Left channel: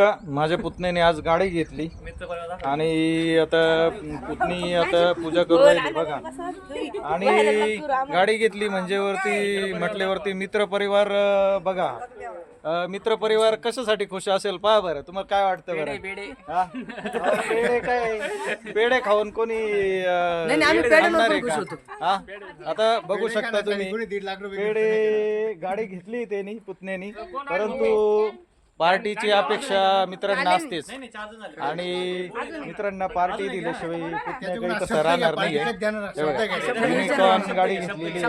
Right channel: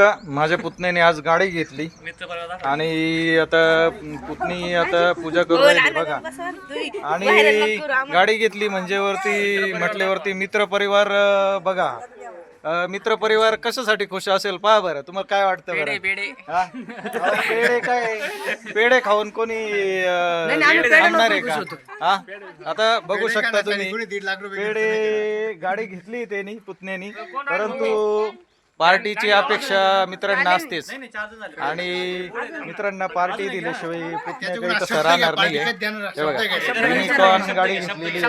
माझ्या पुतण्याने आज गाडी घेतली आणि आता पुतणी आता पूजा करू राहिली बघा. आणि गाडी घेतली म्हणजे वरती म्हटल्यावरती मित्र परिवार बघा. मित्र परिवार कशासाठी खुश असेल पहा बरं. तुम्हाला काय वाटतं बरं? पेढे काय पेढे खाऊन कोणी थांबणार आहे का? हा आता बघू शकता तुम्ही पेढे गाडी घेतली त्यांनी पुतण्यानी, परंतु पार्टीची अपेक्षा मित्रांना असतेच आणि मित्रांना पार्टी दिल्याशिवाय पुतण्या काही तसं राहणार नाहीये. युनिकॉर्न गाडी घेतलेली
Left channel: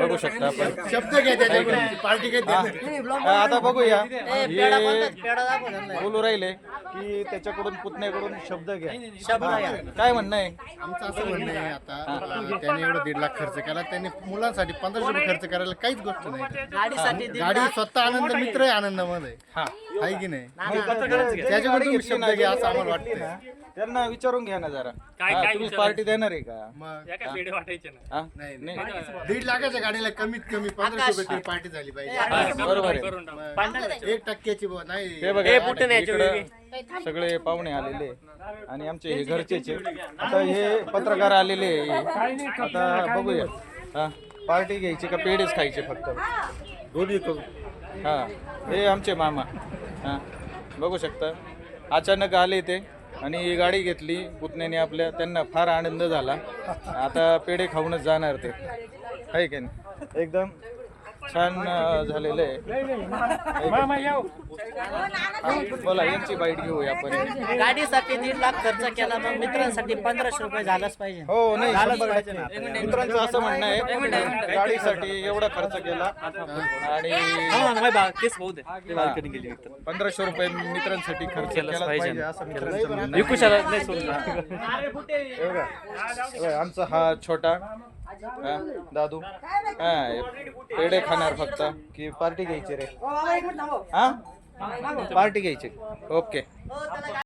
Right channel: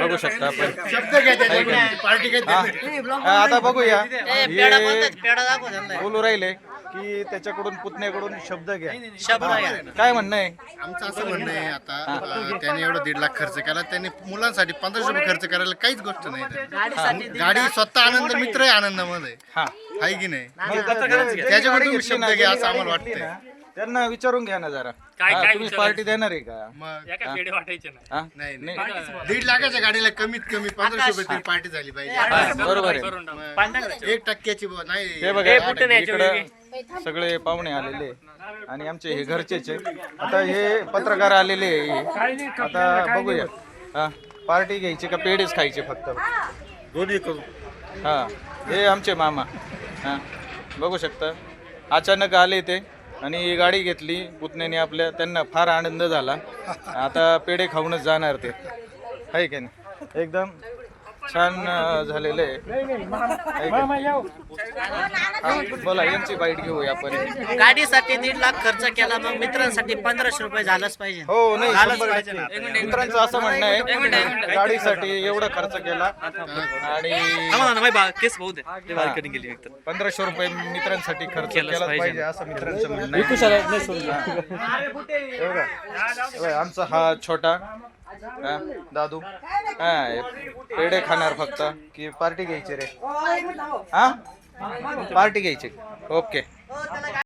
बघू शकता आपण. आता बघूया बोलू राहिले की त्याच्याकडून पुतण्याकडून शब्द घ्या. काय म्हणणं आहे? आमचं असं म्हणणं आहे, आता त्याने एवढं 1.5 लाख खर्च केला, त्याने मुलांसाठी 1500 रुपये खर्च करायला काहीच गोष्ट नाही. गाडी स्वतः आनंद, मित्र आहे आनंदामध्ये, आहे की नाही? त्याच्याकडून तुम्ही शब्द घ्या असं आम्हाला वाटतं. त्यांना विचारून घ्या ना जरा, तुम्ही पार्टी देणार आहे का? मग नाही 1.5 लाखाच्या गाडीला कमीत कमी 1500 रुपये तरी पार्टी झाली पाहिजे. बरोबर आहे. 1% नाही. हे बघा इकडं सगळे पाहुणे आलेले आणि आमचे हे घरचेच आहे. आता हे पत्रकार आलेले आहे. आता बघूया पार्टी घ्यायची का पेढेच खायचे फक्त? दोन्ही करू. हा हे आमचे मामा. हा बघू शकता अचानक आले ते आणि गाडी घेतली पुतण्याने आपल्या. त्यांना फार आनंद झाला. आता पेढे खाऊनच जाणार ते, आहे की नाही? एकदम छान झालेलं आहे. बोला यांची बाईट घेऊया आपण. गाडीसाठी 1.5 लाख खर्च केला, मग मित्रांसाठी 1500 रुपये झालंच पाहिजे. हो नाही, मित्रांचं असं म्हणणं आहे गाडीसाठी एवढा खर्च केला आणि 1500 रुपये मित्रांसाठी खर्च केला पाहिजे असं मित्रांचं म्हणणं आहे. आमचा हा छोटा दादू काय पेढे खाणार फक्त की पार्टी घ्यायची रे? हा पार्टी घ्यायची. ओके.